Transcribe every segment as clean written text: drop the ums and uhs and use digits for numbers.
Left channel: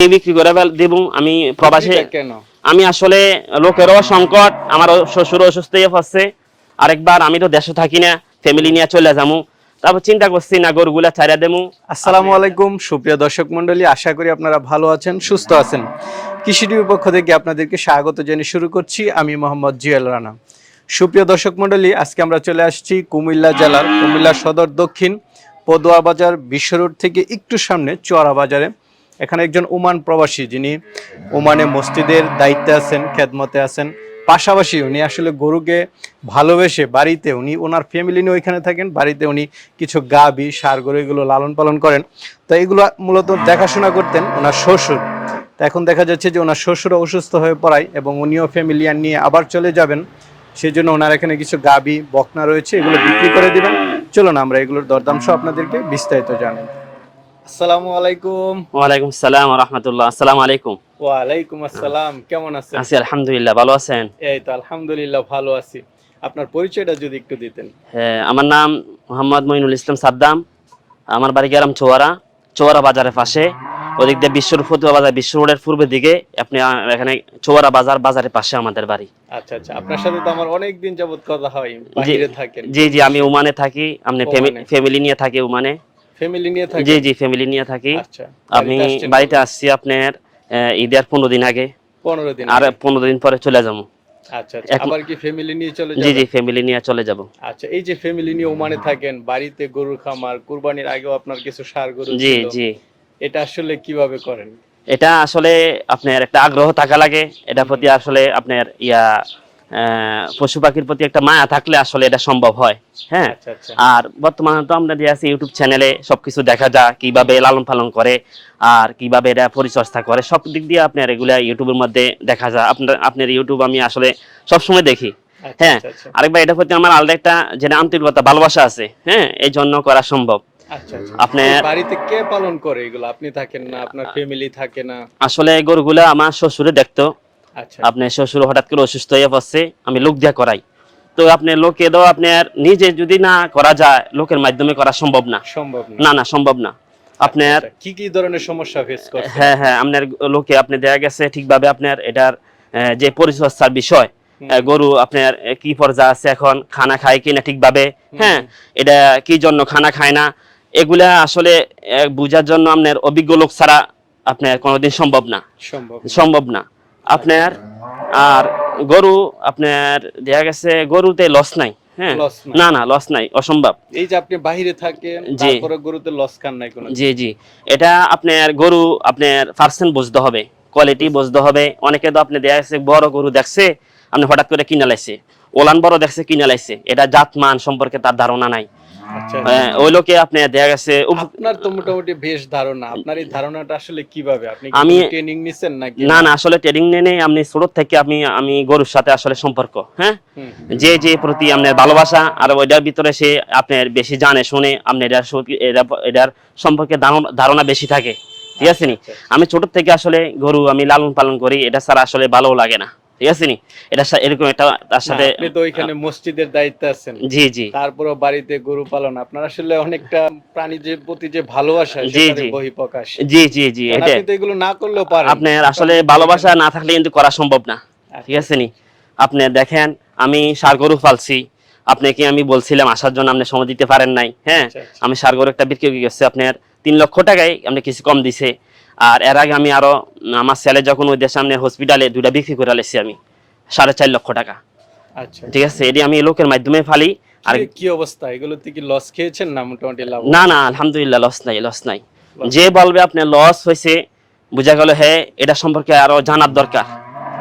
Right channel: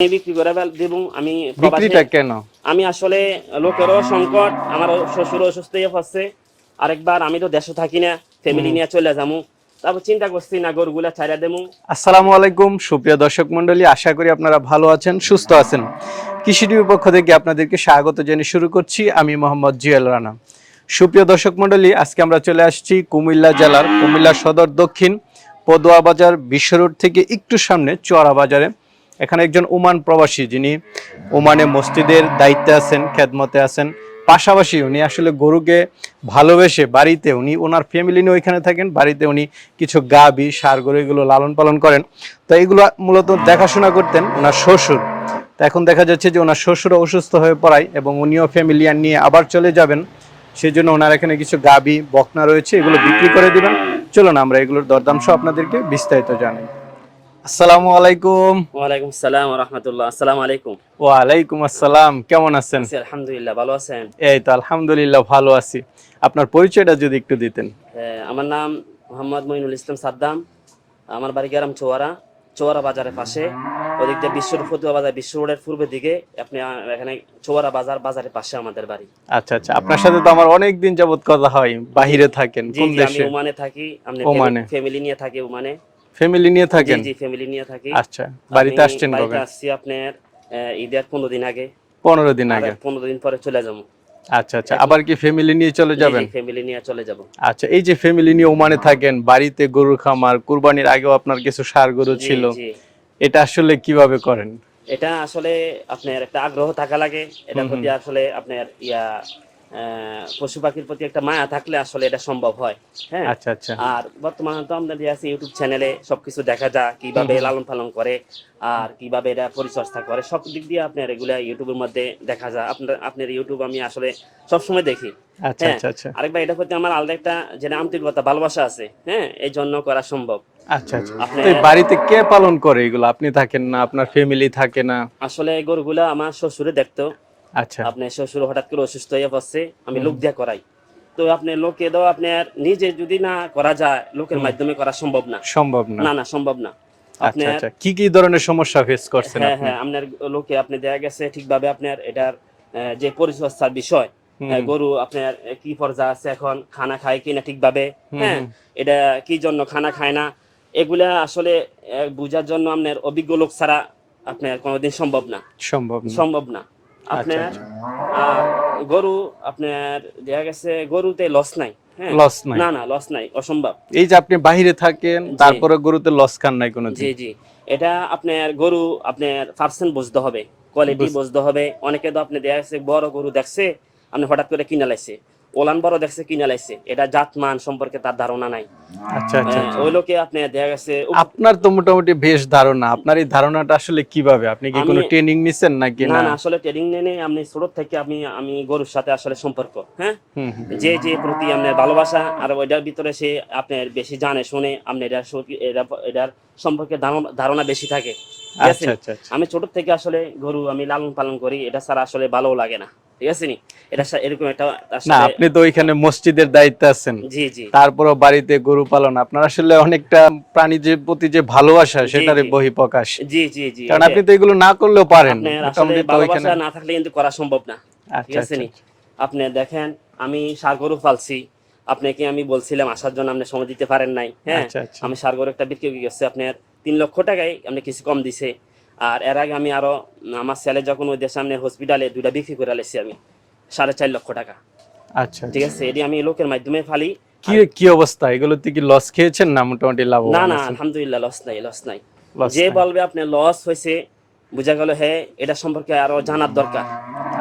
বিক্রি করে দেব আমি প্রবাসী। কেন? আমি আসলে লোকেরও সংকট, আমার শ্বশুর অসুস্থ হয়ে পড়ছে, আরেকবার আমি তো দেশে থাকি না, ফ্যামিলি নিয়ে চলে যাবো, তারপর চিন্তা করছি না গরুগুলা ছাড়া দেবো। আসসালামু আলাইকুম সুপ্রিয় দর্শক মন্ডলী, আশা করি আপনারা ভালো আছেন, সুস্থ আছেন। কৃষি টিভির পক্ষ থেকে আপনাদেরকে স্বাগত জানিয়ে শুরু করছি আমি মোহাম্মদ জিয়াল রানা। সুপ্রিয় দর্শক মন্ডলী, আজকে আমরা চলে আসছি কুমিল্লা জেলার কুমিল্লা সদর দক্ষিণ পদুয়া বাজার বিশ্ব রোড থেকে একটু সামনে চোয়ারা বাজারে। এখানে একজন ওমান প্রবাসী, যিনি ওমানে মসজিদের দায়িত্বে আছেন, খেদমতে আছেন, পাশাপাশি উনি আসলে গরুকে ভালোবেসে বাড়িতে উনি ওনার ফ্যামিলি নিয়ে ওইখানে থাকেন, বাড়িতে উনি কিছু গাভী ষাঁড় গরু এগুলো লালন পালন করেন। তো এগুলো মূলত দেখাশোনা করতেন ওনার শ্বশুর। তো এখন দেখা যাচ্ছে যে ওনার শ্বশুর অসুস্থ হয়ে পড়ায় এবং উনিও ফ্যামিলি নিয়ে আবার চলে যাবেন, সেই জন্য ওনার এখানে কিছু গাভী বকনা রয়েছে, এগুলো বিক্রি করে দিবেন। চলুন আমরা এগুলোর দরদাম সহ আপনাদেরকে বিস্তারিত জানাই। আসসালামু আলাইকুম। ওয়ালাইকুম আসসালাম ওয়া রাহমাতুল্লাহ। আসসালামু আলাইকুম। ওয়ালাইকুম আসসালাম, কেমন আছেন? আছি আলহামদুলিল্লাহ, ভালো আছেন? এই তো আলহামদুলিল্লাহ ভালো আছি। আপনার পরিচয়টা যদি একটু দিতেন। হ্যাঁ, আমার নাম মোহাম্মদ মঈনুল ইসলাম সাদ্দাম। আমার বাড়ি গ্রাম চোয়ারা, চোয়ারা বাজারের পাশে। ওদিক দিয়ে ফতুয়া বাজার বিশ্ব রোডের পূর্বের দিকে আপনি এখানে চোয়ারা বাজারের পাশে আমাদের বাড়ি। আচ্ছা আচ্ছা, আপনার সাথে তো আমার অনেক দিন যাবত কথা হয়, বাহিরে থাকেন। জি জি, আমি ওমানে থাকি। আপনি ফ্যামিলি নিয়ে থাকি ওমানে? ফ্যামিলি নিয়ে থাকেন? জি জি, ফ্যামিলি নিয়ে থাকি। আচ্ছা, বাড়িতে আসছি আপনার ঈদের 15 দিন আগে। 15 দিন আর 15 দিন পরে চলে যাবো। আচ্ছা আচ্ছা, আবার কি ফ্যামিলি নিয়ে চলে যাবেন? জি জি, ফ্যামিলি নিয়ে চলে যাব। আচ্ছা, এই যে ফ্যামিলি নিয়ে ওমানে থাকেন, বাড়িতে গরুর খামার, কুরবানির আগেও আপনার কিছু ষাঁড় গরু ছিল, জি। এটা আসলে কিভাবে করেন? এটা আসলে আপনার একটা আগ্রহ থাকা লাগে, এটার প্রতি আসলে আপনার পশু পাখির প্রতি একটা মায়া থাকলে আসলে এটা সম্ভব হয়। হ্যাঁ, আচ্ছা আচ্ছা। আর বর্তমানে তো আমরা দিয়ে আছি ইউটিউব চ্যানেলে সবকিছু দেখা যায়, কিভাবে লালন পালন করে আর কিভাবে এটা পরিচর্যা করে, সব দিক দিয়ে আপনার এগুলা ইউটিউবের মধ্যে দেখা যায়। আপনার ইউটিউব আমি আসলে সবসময় দেখি। হ্যাঁ, আরেকবার এটার প্রতি আমার আলাদা একটা যেটা আন্তরিকতা ভালোবাসা আছে। হ্যাঁ, এই জন্য করা সম্ভব। আচ্ছা আচ্ছা, আপনার বাড়িতে কে পালন করে এগুলো? আপনি থাকেন না, আপনার ফ্যামিলি থাকে না? আসলে গরুগুলা আমার শ্বশুরে দেখতো। আচ্ছা, আপনার শ্বশুর হঠাৎ করে অসুস্থ হয়ে পড়ছে, আমি লোক দিয়ে করাই। তো আপনি লোকে দাও, আপনার নিজে যদি না করা যায়, লোকের মাধ্যমে করা সম্ভব না। না সম্ভব না। আপনার কি কি ধরনের সমস্যা ফেস করছেন? হ্যাঁ, আপনার লোকে আপনি দেখা গেছে ঠিকভাবে আপনার এটার যে পরিচর্যার বিষয়, গরু আপনার কি পর্যায়ে আছে, এখন খানা খায় কিনা ঠিকভাবে, হ্যাঁ, এটা কি জন্য খানা খায় না, এগুলা আসলে বুঝার জন্য আপনার অভিজ্ঞ লোক ছাড়া আপনার কোনোদিন সম্ভব না আপনার। আর গরু আপনার দেখা গেছে গরুতে লস নাই। হ্যাঁ, না লস নাই, অসম্ভব। এই যে আপনি বাইরে থাকেন, তারপরে গরুতে লস খান নাই কোনো? জি জি, এটা আপনার গরু আপনার পার্সেন্ট বুঝতে হবে, কোয়ালিটি বুঝতে হবে। অনেকে তো আপনি দেখা গেছে বড় গরু দেখছে, আপনি হঠাৎ করে কিনা লাইছে, ওলান বড় দেখছে কিনা লাইছে, এটা জাত মান সম্পর্কে তার ধারণা নাই। আচ্ছা, ওই লোকে আপনি দেখা গেছে। আপনার তো মোটামুটি বেশ ধারণা, আপনার এই ধারণাটা আসলে কিভাবে? আপনি কি কোনো ট্রেনিং নিছেন নাকি? না আসলে ট্রেনিং নেই, আমি ছোট থেকে আমি গরুর সাথে আসলে সম্পর্ক, হ্যাঁ, যে প্রতি আপনার ভালোবাসা, আর ওইটার ভিতরে সে আপনার বেশি জানে শুনে আপনি এটার সম্পর্কে ধারণা বেশি থাকে। ঠিক আছে নি? আমি ছোট থেকে আসলে গরু আমি লালন পালন করি, এটা ছাড়া আসলে ভালো লাগে না। ঠিক আছে নি? এটা এরকম একটা তার সাথে। আপনি তো ওইখানে মসজিদের দায়িত্বে আছেন। জি জি, তারপরও বাড়িতে গরু পালন, আপনার আসলে অনেকটা প্রাণীদের প্রতি যে ভালোবাসা, সেটার বহিঃপ্রকাশ। জি জি জি, আপনি তো এগুলো না করলেও পারেন। আপনার আসলে ভালোবাসা না থাকলে কিন্তু করা সম্ভব না। ঠিক আছে নি? আপনি দেখেন, আমি ষাঁড় গরু পালছি, আপনাকে আমি বলছিলাম আসার জন্য, আপনি সময় দিতে পারেন নাই। হ্যাঁ, আমি ষাঁড় গরু একটা বিক্রি করে গেছি আপনার 3 লক্ষ টাকায়, আপনি কিছু কম দিছে। আর এর আগে আমি আরো আমার ছেলে যখন ওই দেশে সামনে হসপিটালে 2টা বিক্রি করে আলেছি আমি 4.5 লক্ষ টাকা। আচ্ছা, ঠিক আছে, এটি আমি লোকের মাধ্যমে ফালি। আর কি অবস্থা, এগুলোতে কি লস খেয়েছেন না মোটামুটি লাভ? না আলহামদুলিল্লাহ লস নাই। যে বলবে আপনি লস হয়েছে, বুঝা গেল, হ্যাঁ, এটা সম্পর্কে আরো জানার দরকার।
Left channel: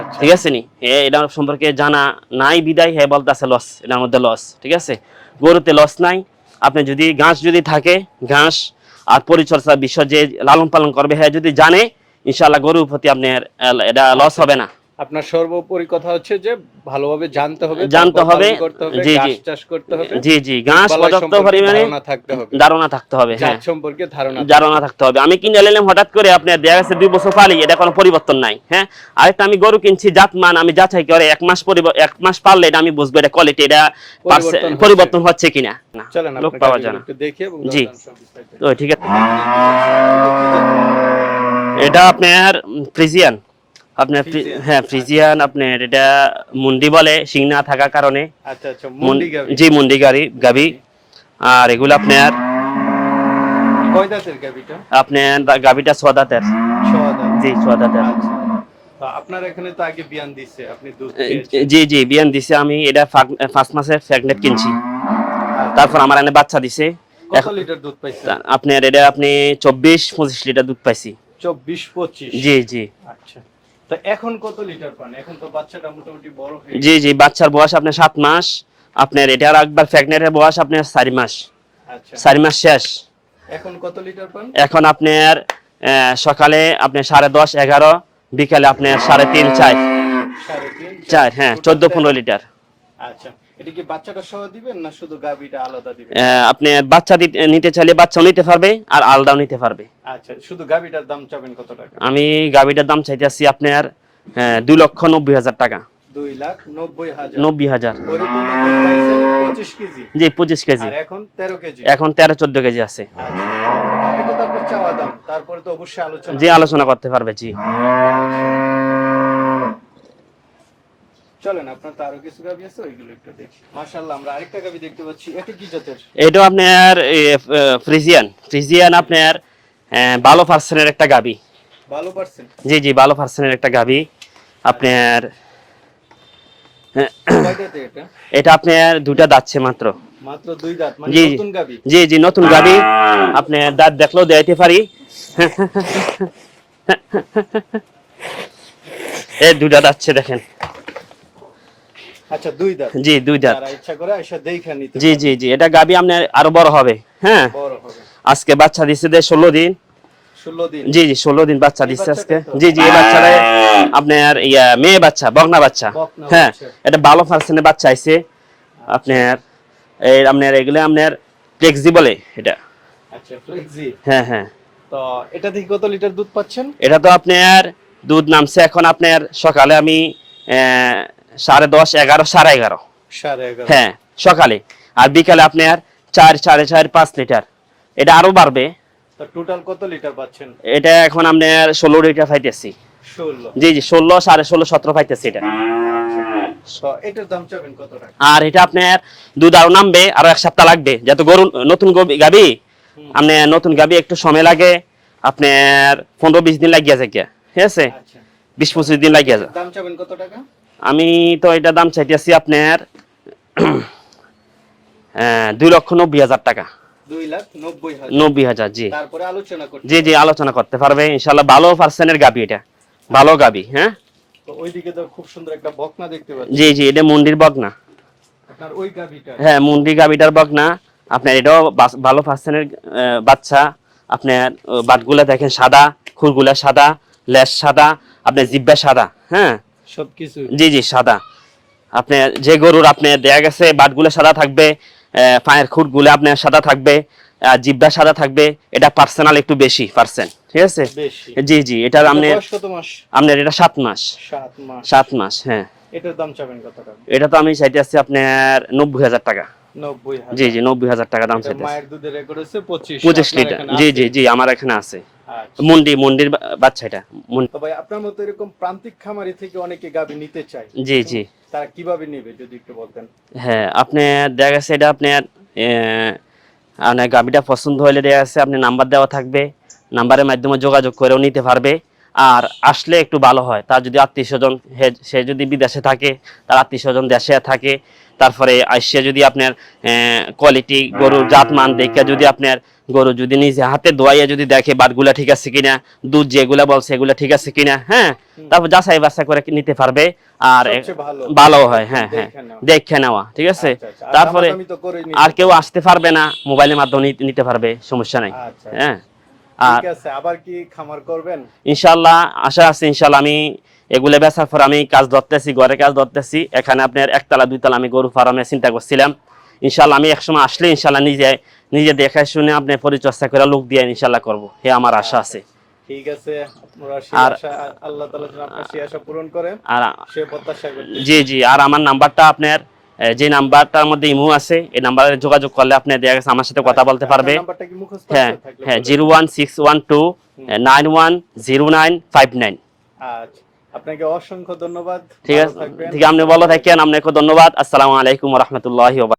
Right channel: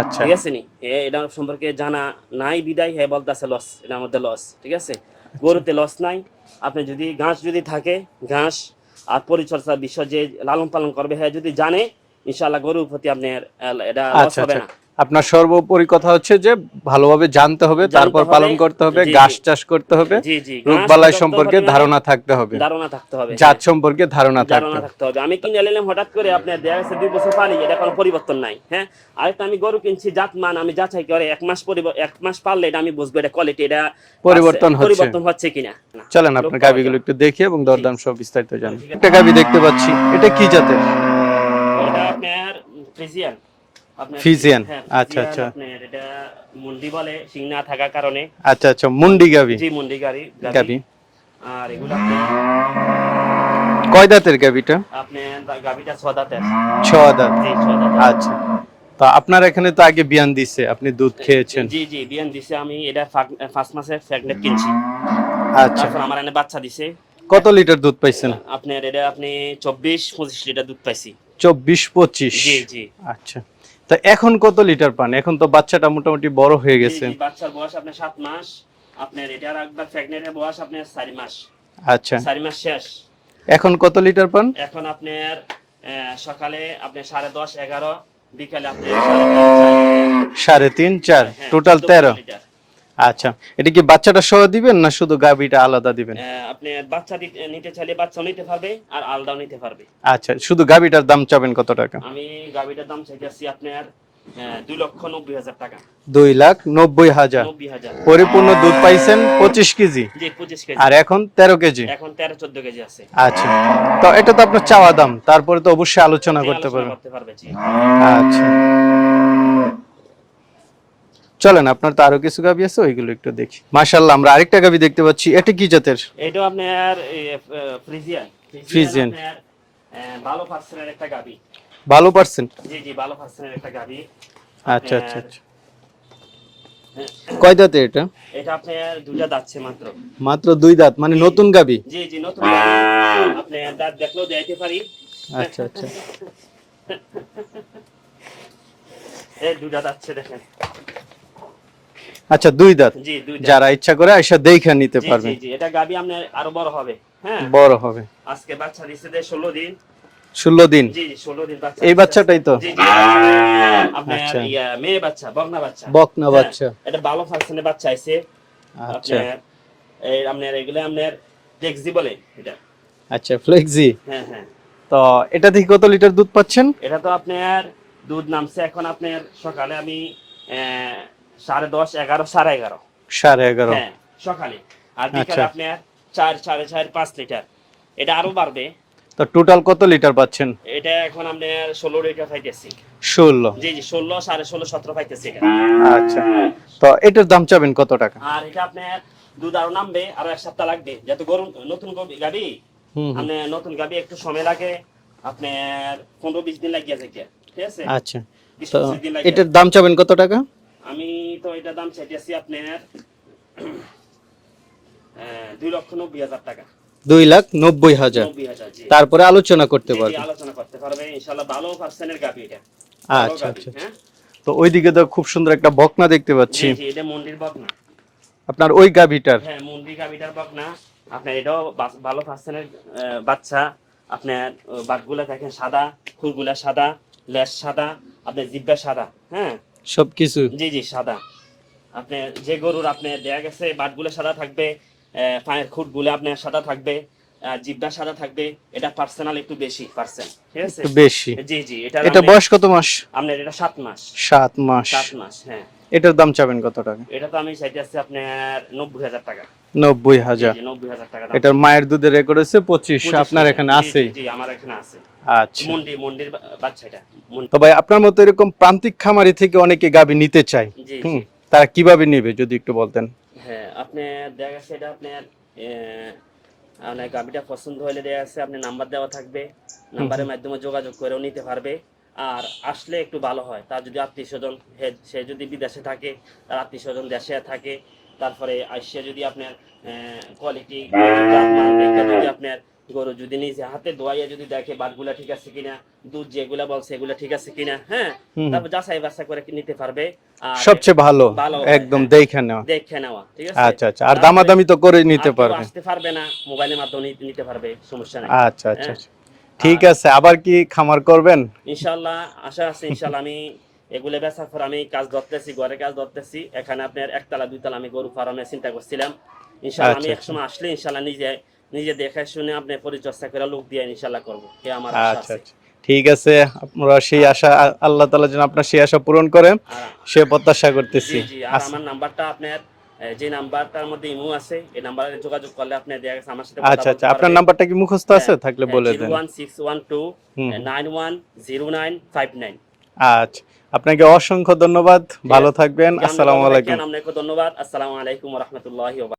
আচ্ছা, ঠিক আছে নি? এটা সম্পর্কে জানা নাই বিদায় হ্যাঁ বলতেছে লস, এটার মধ্যে লস। ঠিক আছে, গরুতে লস নাই। আপনি যদি ঘাস যদি থাকে, ঘাস আর পরিচর্যার বিষয় যে লালন পালন করবে, হ্যাঁ, যদি জানে, ইনশাআল্লাহ গরুর প্রতি আপনার এটা লস হবে না। আপনার সর্বোপরি কথা হচ্ছে যে ভালোভাবে জানতে হবে, পালন করতে হবে, ঘাস চাষ করতে হবে। জি জি, ঘাস সম্পর্কে ধারণা থাকতে হবে, জাত সম্পর্কে ধারণা থাকতে হবে। আমি কিনে নিলাম হঠাৎ করে, আপনার দেখা গেছে 2 বছর পালি, এটা কোনো পরিবর্তন নাই। হ্যাঁ, আরেকটা আমি গরু কিনছি, জাত মান আমি যাচাই করে 1 মাস পারলে এটা আমি বুঝবো এটা কোয়ালিটি, এটা পরিবর্তন হচ্ছে কিনা। চলেন আপনার গাবিগুলো একটু দেখি এবং দরদাম সব বিস্তারিত জানি। ঠিক আছে, গাবি দেখতে পাচ্ছি, এটা কি জাতের? এটা আপনার ফ্রিজিয়ান, আপনার ফ্রিজিয়ান, হ্যাঁ ফ্রিজিয়ান, আচ্ছা। আপনার এটা মুন্ডি বলে শিং না থাকার কারণে। আচ্ছা আচ্ছা, মুন্ডি গাবি। জি মুন্ডি গাবি। আর এগুলো আপনার কয় দাঁতের গাবিটা? আপনার গাবিটা 6 দাঁতের। 6 দাঁত। জি 6 দাঁতের। আচ্ছা, তো আপনার এখানে তো আগে বিয়ান দিছে, আপনি দুধ খেয়েছেন। জি জি বিয়ান দিছে, আমি এটা 5 মাসের প্রেগনেন্ট কিনছি। আচ্ছা। তারপর আমার এনে বাচ্চা দিছে। কত লিটার দুধ পাইছেন? আপনার এটা আপনি 24-25 লিটার দুধ পাইছি। 24-25? জি জি। আচ্ছা, তা এখন কত লিটার পান? এখন তো বাচ্চাটা মোটামুটি বড় হয়ে গেছে। জি জি, বাচ্চার বয়স আপনার 7 মাস। আপনার এটার একবার প্রেগনেন্টের বয়স আপনার 4 মাস। আচ্ছা, 4 মাস শেষ। এখন কত লিটার পান? এখন আপনার সকালে আপনার 10:30 11, বিকালে আপনার 3:30 4। 3.5 4, হ্যাঁ, টোটাল 14-15 লিটার। আচ্ছা, এটা কি বাচ্চাটা সহ দিবেন না শুধু গাবিটা আলাদা দিবেন? আপনি বাচ্চা নিতে চাইলে বাচ্চাও নিতে পারবে আর আলাদাও নিতে পারবে। আচ্ছা, শুধু গাবিটার দাম চাবেন কত টাকা? আমি গাবিটার দাম চাইতেছি আপনার 2,90,000 টাকা। 2,90,000? 90,000। পরিপূর্ণ দুধ পাইছেন 25 কেজি? জি 25 কেজি। আর এখন 13 কেজি? এখন 13-14 কেজি আছে। আচ্ছা, তো এটা তো আপনার চাওয়া দাম, তারপরে তো অবশ্যই আলোচনা জি আলোচনা করতে পারবে। জি আচ্ছা, চলেন, আপনার তো আরো কিছু গাবি আছে, ওইগুলো একটু দেখি। মাশাআল্লাহ, আমরা আরেকটা গাবি দেখতে পাচ্ছি। এটা কি জাতের? এটা আপনার ফ্রিজিয়ান আপনার ভালো পার্সেন্টের একটা গাবি। ভালো পার্সেন্ট? জি জি, ভালো পার্সেন্টের একটা গাবি আপনার। কয় দাঁতে এটা? এটা আপনার 2টা দাঁতছে মাত্র। মাত্র 2 দাঁত, মানে নতুন গাবি? জি জি, নতুন গাবি। আপনি দাঁত দেখলেও দেখাইতে পারি। এই 2টা দাঁতছে দেখেন। আচ্ছা, 2 দাঁত। জি 2 দাঁত। যারা ইচ্ছা করে এসে দেখে নিতে জি পারবে। জি জি, এটা গাবি আপনার আরো বড় হবে। হ্যাঁ, বড় হবে। আজকে বাচ্চা দিছে 16 দিন। 16 দিন? জি জি, 16 দিন বাচ্চা দিছে। এই বাচ্চাটাই তো? জি জি, এই বাচ্চাটা আপনার মেয়ে বাচ্চা, বকনা বাচ্চা। বকনা হ্যাঁ, বাচ্চা। এটা ভালো পার্সেন্টের বাচ্চা আইছে আপনার। আপনার এগুলো আপনার ফ্লেক্সি বলে এটা। আচ্ছা, ফ্লেক্সি। হ্যাঁ হ্যাঁ। তো এটা থেকে কত লিটার দুধ পাচ্ছেন? এটা তো আপনার দুধ নামছে এখন আপনার সকালে আমি 10:30 11 11:30। 11:30? হ্যাঁ সকালে। আর বিকালে আপনার 4 4.5 5 লিটার। এটা আরো বাড়বে। তো টোটাল কত লিটার পাচ্ছেন? এটা এখন আপনার 16 লিটার পাইতেছি। 16? জি জি, 16 16.5 17 পাইতেছি এটা। আচ্ছা, তো এটার দাম চাবেন কত টাকা? আর এটা আপনার দুধ আরো নামবে, আরো 1 সপ্তাহ লাগবে, যেহেতু গরু নতুন গাবি। আপনি নতুন গাবি একটু সময় লাগে, আপনার 15-20 দিন লাগিয়ে যায়, ঠিক আছে? আচ্ছা, 20-25 দিন লাগিয়ে। এটার দাম চাবেন কত টাকা? আমি তো এটা দাম চাইতেছি আপনার 2,90,000 টাকা। 2,90,000? 90,000, জি। তারপরে আলোচনা করতে জি জি, আলোচনা করতে পারবে ইনশাআল্লাহ। ভালো পার্সেন্টের গাবি এটা, ভালো গাবি। হ্যাঁ, তো ওইদিকে তো খুব সুন্দর একটা বকনা দেখতে পাচ্ছি। জি জি, এটা মুন্ডির বকনা। আপনার ওই গাবিটার? হ্যাঁ, মুন্ডি গাবিটার বকনা। আপনার এটাও ভালো পার্সেন্টের বাচ্চা। আপনার বাটগুলা দেখেন সাদা, খুরগুলা সাদা, লেজ সাদা, আপনার জিব্বা সাদা। হ্যাঁ, সবকিছু? জি জি, সাদা। আপনি যে গরুর আপনি দেখা গেছে বাটগুলো সাদা থাকবে, পায়ের খুঁটগুলো আপনার সাদা থাকবে, জিব্বা সাদা থাকবে। এটা পার্সোনাল একটু বেশি পার্সেন্ট, ঠিক আছে? বেশি? জি জি। এটা বয়স কত মাস? আপনার এটা 7 মাস। 7 মাস? 7 মাস, হ্যাঁ। এটার দাম চাবেন কত টাকা? এটা তো আমি চাইতেছি আপনার 90,000 টাকা। 90,000? জি জি, 90,000 টাকা দাম। এটার মায়ের দুধের রেকর্ড আছে 25 আপনার এখানে আছে? জি জি জি, আমার এখানে আছে। আচ্ছা, মুন্ডির বাচ্চা এটা। তো ভাই, আপনার মতো এরকম প্রান্তিক খামারি থেকে অনেকে গাবি নিতে চায়। জি জি। তারা কিভাবে নেবে যদি একটু বলতেন? হ্যাঁ, আপনি দেখা গেছে এটা আপনার আপনার গাবিটা পছন্দ হলে দেখা গেছে আপনি নাম্বার দেওয়া থাকবে, নাম্বারের মাধ্যমে যোগাযোগ করেও নিতে পারবে। আর আসলে একটু ভালো হয়, তার যদি আত্মীয় স্বজন, সে যদি বিদেশে থাকে, তার আত্মীয় স্বজন দেশে থাকে, তারপরে আসছে যদি আপনার কোয়ালিটি গরুর জাতমান দেখে যদি আপনার গরু যদি নিজে হাতে ধোয়াইয়া যদি দেখে বাটগুলা ঠিক আছে কিনা, দুধ যেগুলা বলছে এগুলা ঠিক আছে কিনা, হ্যাঁ, তারপর যাচাই বাছাই করে নিতে পারবে। আর সবচেয়ে ভালো হয় একদম দেখে নেওয়া, ঠিক আছে? আচ্ছা আচ্ছা, আর দামাদামি তো করে নিতে আর কেউ পারবে? আসতে পারবে না, মোবাইলের মাধ্যমে নিতে পারবে, সমস্যা নাই। আচ্ছা আচ্ছা, ঠিক আছে। আবার কি খামার করবেন? ইনশাআল্লাহ আশা আছে। ইনশাআল্লাহ আমি এগুলো বেচার পর আমি কাজ ধরতেছি, ঘরে কাজ ধরতেছি। এখানে আপনার 1 তলা 2 তলা আমি গরু ফার্মে চিন্তা করছিলাম। ইনশাআল্লাহ আমি একসময় আসলে ইনশাআল্লাহ নিজে দেখে শুনে আপনি পরিচর্যা করে লোক দিয়ে ইনশাআল্লাহ করব, হে আমার আশা আছে। ঠিক আছে, আপনারা সেই আশা, আল্লাহ তাআলা যেন আপনার সেই আশা পূরণ করেন, সে প্রত্যাশা করতেছি। জি জি। আর আমার নাম্বারটা আপনার যে নাম্বারটার মধ্যে ইমো আছে এই নাম্বারে যোগাযোগ করলে আপনি দেখা গেছে আমার সাথে কথা আচ্ছা, বলতে আচ্ছা, পারবে। আপনার নাম্বারটা কি মুখস্থ আছে? থাকলে বলে দেন। 01612 910959। আচ্ছা, আপনাকে অসংখ্য ধন্যবাদ, ভালো থাকবেন। আপনি ভালো থাকেন, আপনাকে ধন্যবাদ। আসসালামু আলাইকুম ওয়া রাহমাতুল্লাহি ওয়া বারাকাতুহু।